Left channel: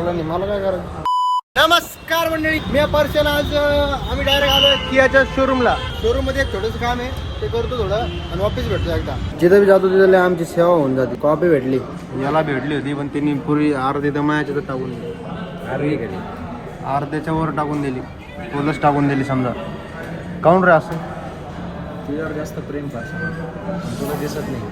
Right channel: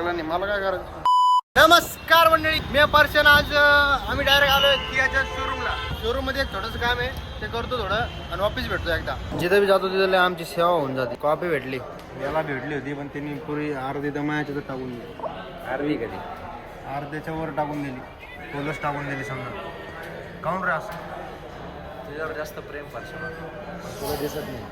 लागलं नाही मला काय करायचं. नमस्कार मंडळी, मी पर्शन. आज आम्ही डायरेक्ट आलो कियाच्या शोरूमला. शोरूम मध्ये एक थोडंसं काम आहे, ते करतो थोडं आणि ऑफिस भेटतो एकदा. जिथे बी जातो तिथे आमची सेवा होऊन जाते. कॉपी भेटली, याला भेटली होती पण तिने पुरी अर्धी दमायाच्या तर टाकून दिली, अर्ध्याच्या वर टाकून दिली, फुलच टाकून दिली समजा. काऊन रे असं? तुझ्यावर जास्त प्रेम पाहिजे, तुला दिसत नाही.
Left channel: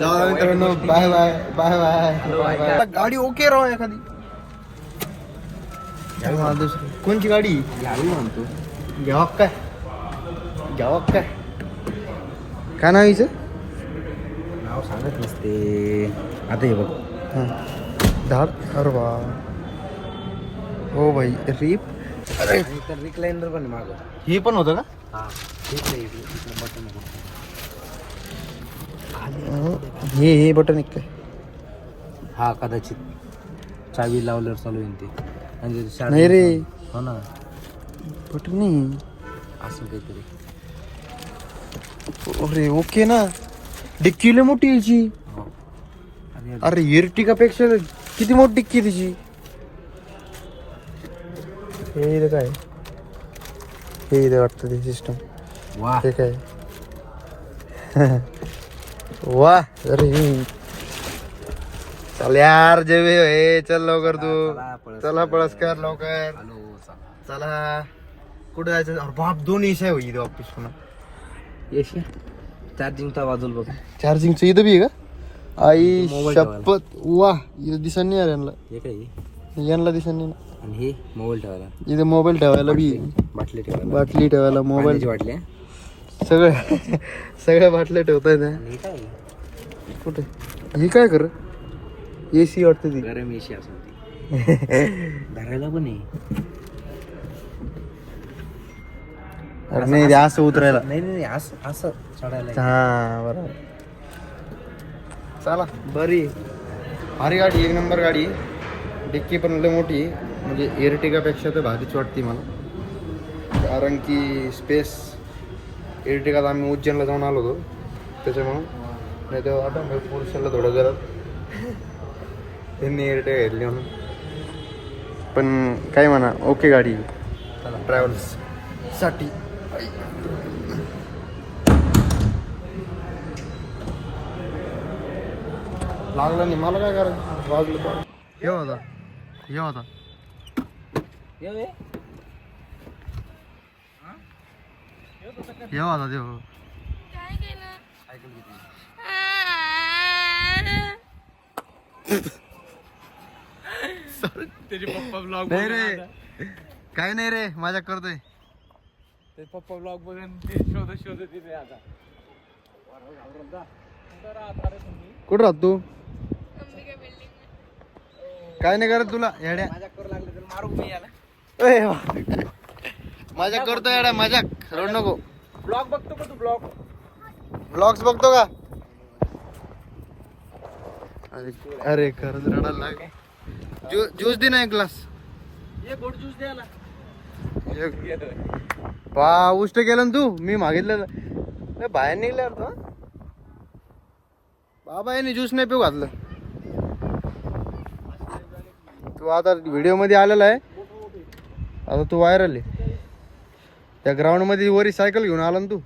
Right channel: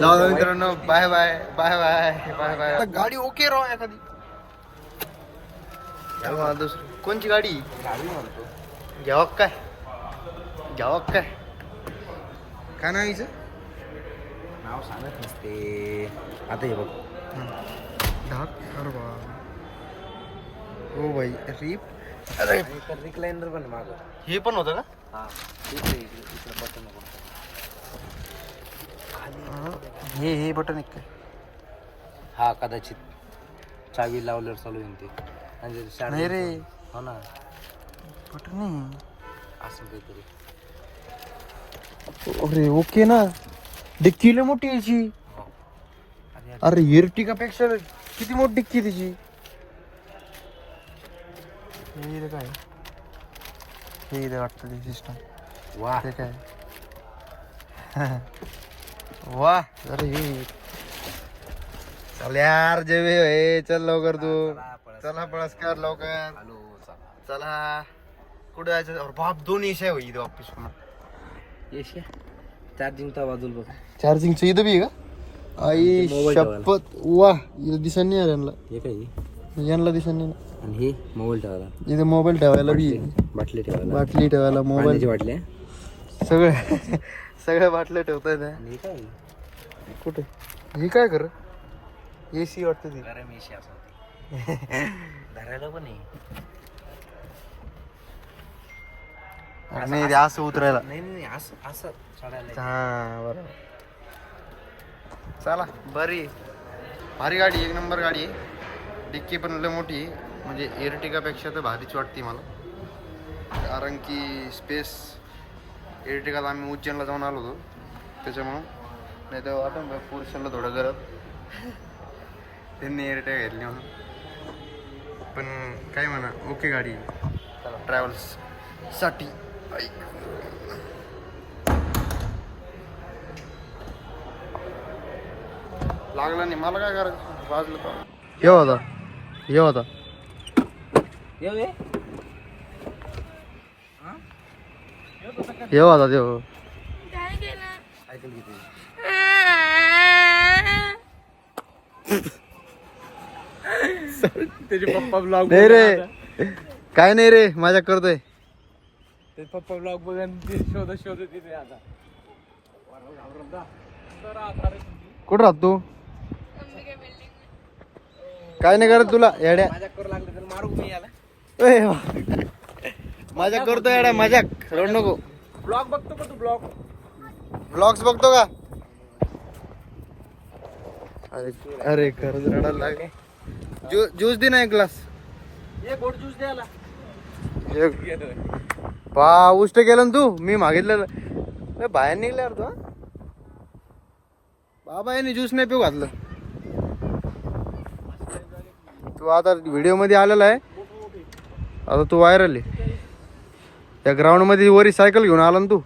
जाऊ मित्रांनो, bye bye bye bye bye. गाडी ओके राव एखादी. दुसरी कोणची गाडी घ्यावी म्हणतो. घ्यावा काय काय नाव हिचं? नाव सांगत नसते. आता हे बघ, हां धाक. अरे वा, हो भाई रीप. अरे रिक्लाइनर पण मागं. हे पण होतं का? हा ठीक आहे. हे बटन एक काय? हा कदाचित चावी लावल्यावर चालू येईल ते. म्हणजे नाही रे, हो ना, बटन नाही असं काहीतरी. अरे ओके ना. डिक्की लय मोठी याची. हो. आणि अरे एर्टिगा पेक्षा किती मोठी डिक्की आहे त्याची. हे इथं काय? हे इथं वाटतं ते सिस्टम. वा, ते काय? वा. अरे चल यार जेवे हे, चल लवकर तू. चला पळस कर लवकर. चला कुठे जायचं? अरे बाप, दोन एसी आहे होईल ऑफिस पुन्हा. येशी चार्जिंगचा वाजल बघ. चार्जिंगचं इथं बी आहे का? आई मोबाईल शपथ. वा, इथं दिसत नाही यार यांना. हे काय? यांना दिसत नाही ना. आणि हे मोबाईल ठेवायला, इथं मोबाईल ठेवायला बी आहे. बाटली ठेवायला, बाटली ठेवायला, मोबाईल, बाटल्या. सगळं सगळ्या बाटल्या ठेवता येत्या. कुठे ही काय कर? एसी वाटतं ती. गरम एशी असं धरायला पण नाही. अरे नाही ते असं उतरायला. नाही असं चढायला. हा बरोबर. चला बरी भारी गाडी, एक नंबर गाडी. डिक्की पण लय मोठी, म्हणजे एर्टिगापेक्षा तर भारीच वाटते मला. कारण की स्पेस, एर्टिगात आम्ही उज्जैनला जाऊन आलो होतो त्याच्यामुळं. नाही तर वाटतं पुरुषाला थोडं जरा त्यांनी एर्टिगा घेतली म्हणून. पण काय म्हणा, ओके गाडी ट्रॅव्हल्स साठी. लागलं नाही मला काय करायचं. लागलं तर येऊ आता, येऊ आता. येऊ आता देऊ. त्याचे पप्पा ब्लॉग नाही रे, काय नाही रे, मजाक करतोय. ते पप्पा ब्लॉग बघा, शोधत तिथे. कुठं राहत तू? काय नाही करत तुला येड्या. मजाक करतो येड्या, मजाक रोड नको. ब्लॉग बघतो का तू? ब्लॉग्स बघतो का? अरे अरे खरंच रडायला लागे. ज्यूस दे ना एक ग्लास. गोड ज्यूस द्यायला. पा उष्ट केलं ना तू. मी मागितलेलं नाही, बाहेर निघले यार तू. बाबा याने ज्यूस नाही पिऊ घातलं. तू आता व्हिडिओ मध्ये आलेला आहे, आता तू व्हायरल आहे. त्या ग्राउंड मध्ये वरी सायकल घेऊन आला ना तू.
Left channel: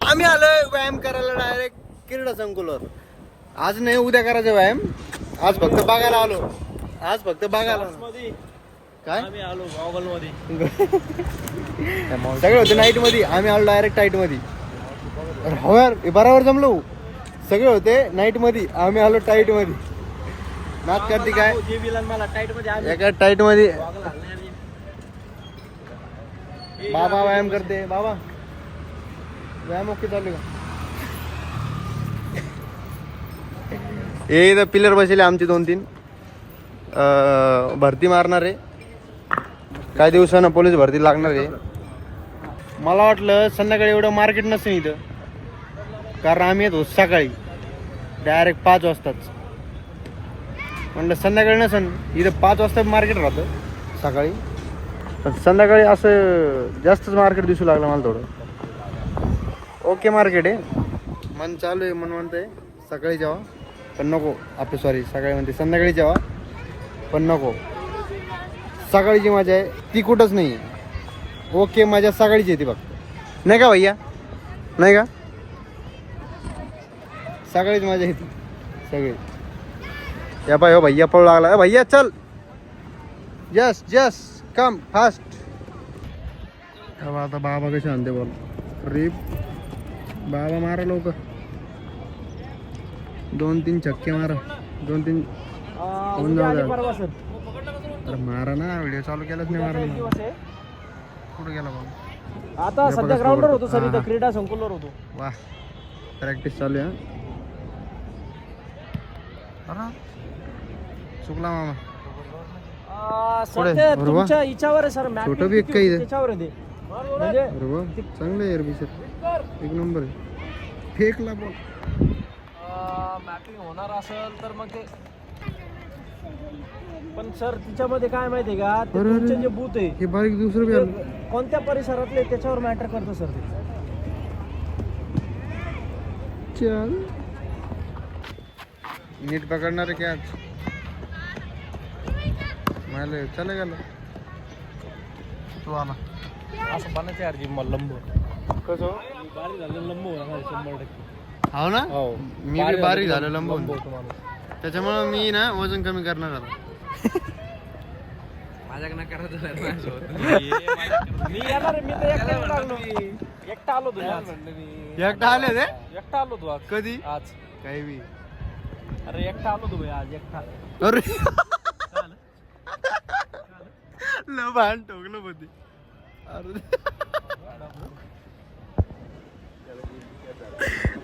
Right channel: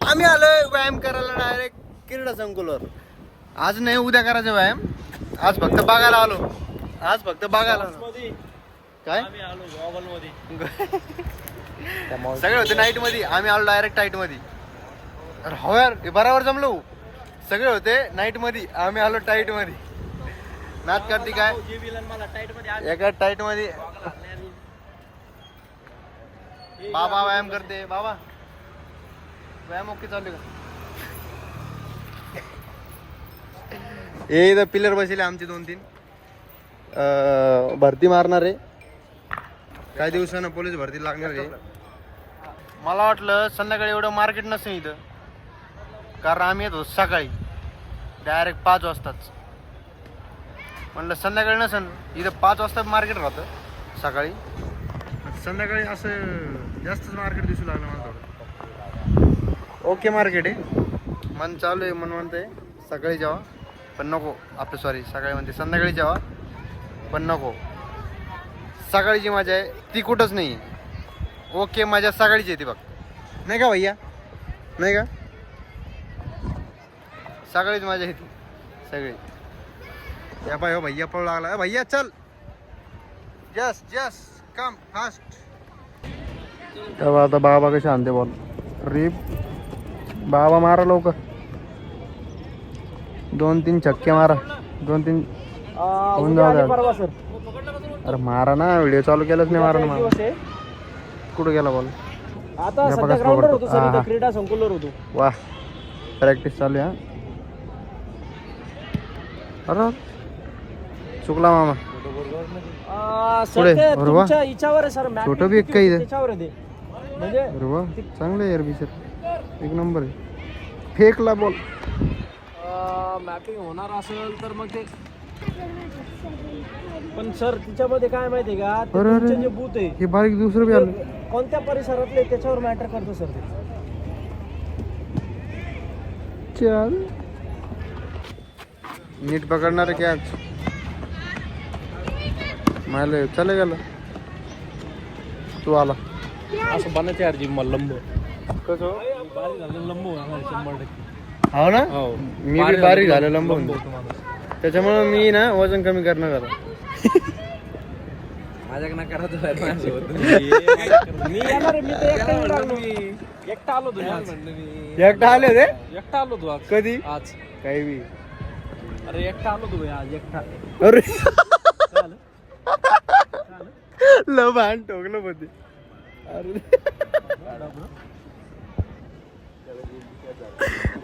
आम्ही आलोय व्यायाम करायला डायरेक्ट क्रीडा संकुलावर. आज नाही उद्या करायचं व्यायाम, आज फक्त बघायला आलो. आज फक्त बघायला आलो. काय सगळे होते नाईट मध्ये, आम्ही आलो डायरेक्ट टाईट मध्ये. हो यार, बरोबर जमलो. सगळे होते नाईट मध्ये, आम्ही आलो टाईट मध्ये. नाच करते काय एका टाईट मध्ये. बाबा व्यायाम करते. बाबा व्यायाम ओके चालू का? हे पिलर बसले आमचे 2-3. भरती मारणार आहे काही दिवसानं, पोलीस भरती लागणार आहे. मला वाटलं संध्याकाळी एवढं मार्केट नसेल इथं, कारण आम्ही येतो सकाळी डायरेक्ट 5 वाजताच. म्हणलं संध्याकाळी नसेल इथं, 5 वाजता मार्केट राहतं सकाळी. पण संध्याकाळी असं जास्तच मार्केट दिसू लागलं मला थोडं. ओके मार्केट आहे, मन चालू आहे. मन म्हणतंय सकाळी जेवा पण नको, आपलं सॉरी सकाळी म्हणते संध्याकाळी जेवा पण नको. सकाळची मजा आहे ती कुठंच नाही आहे. ओके मजा सकाळीच येते फक्त, नाही का भैया, नाही का? सकाळीच मजा येते सगळी. या पाय हो भैया पळू लागला. भैया चल, जस जस कम फास्ट. तेव्हा आता बाबा कसे आणते बॉल. रिप बाबा मारा लवकर, 2-3 छक्के मारा, 2-3 होऊन जाऊ द्या. अरे मारा ना, व्हिडिओ चालू केलाच नाही. मारा ना. कुठं गेला बॉल? आता सध्या ग्राउंडवर होतो सर, इथं क्रीडा संकुलवर होतो. वा प्रॅक्टिस चालू आहे. अरे चुकला मामा. पुढे तुमच्या हिच्यावर आहे सर, छोटं बी एक काही आहे. त्याच्यावर आहे ते. म्हणजे अरे वा चांगलं आहे यार बिशर, एक नंबर आहे. फेकला बॉल. मॅपिंग होणार असेल तर मग ते, पण सर तिच्यामध्ये काय माहितीये का, ते अरे, तुमचे जे बूथ आहे हे बारीक दुसरं बी आलं. ते कोणत्या परिसरातले त्याच्यावर मॅटर करतं सर ते. चल नीट पकडणार आहे कॅच. मला चले गेलं, तू आला. असं बनायचं यार जिम लंब. हो ना, मी बी बारीक झालो लंबून, त्याच्यामुळे मी ना वजन कमी करणार आता. माझ्याकडनं करायचं मी येणार, मी तर एकटा आलो तू आज. एकटा आले होते? एकटा आलो तू आज. कधी? आज काही बी. अरे एकटा आलो तू आज, एकटा. अरे लबान ठोकलं होते.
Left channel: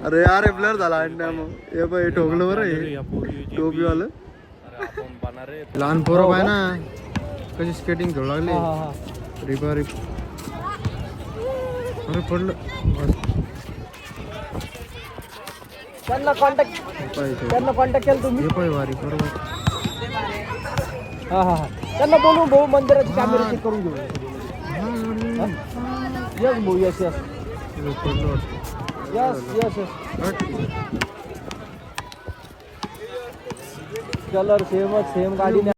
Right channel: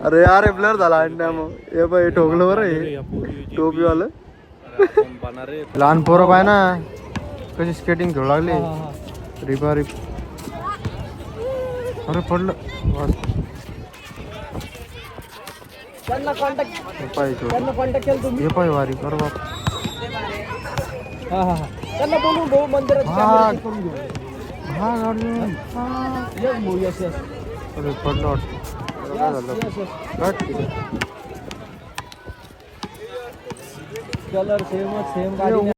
अरे यार ब्लर झाला अंड्या. मग हे बाई ठोकलं बरं, हे टोपीवालं. लहान पोरं पाय ना कशी स्केटिंग खेळू लागले. रिपा रिप. अरे पडलं. त्यांना कॉन्टॅक्ट केलं तुम्ही? हे पाय वारी बरोबर. हा हा, त्यांना बोलून भाऊ मंदिराची कॅमेरा चेक करून घेऊ. हा गाडी. यस भाऊ, यस यस पडलं यस यस. कलर सेमच, सेम गाडी.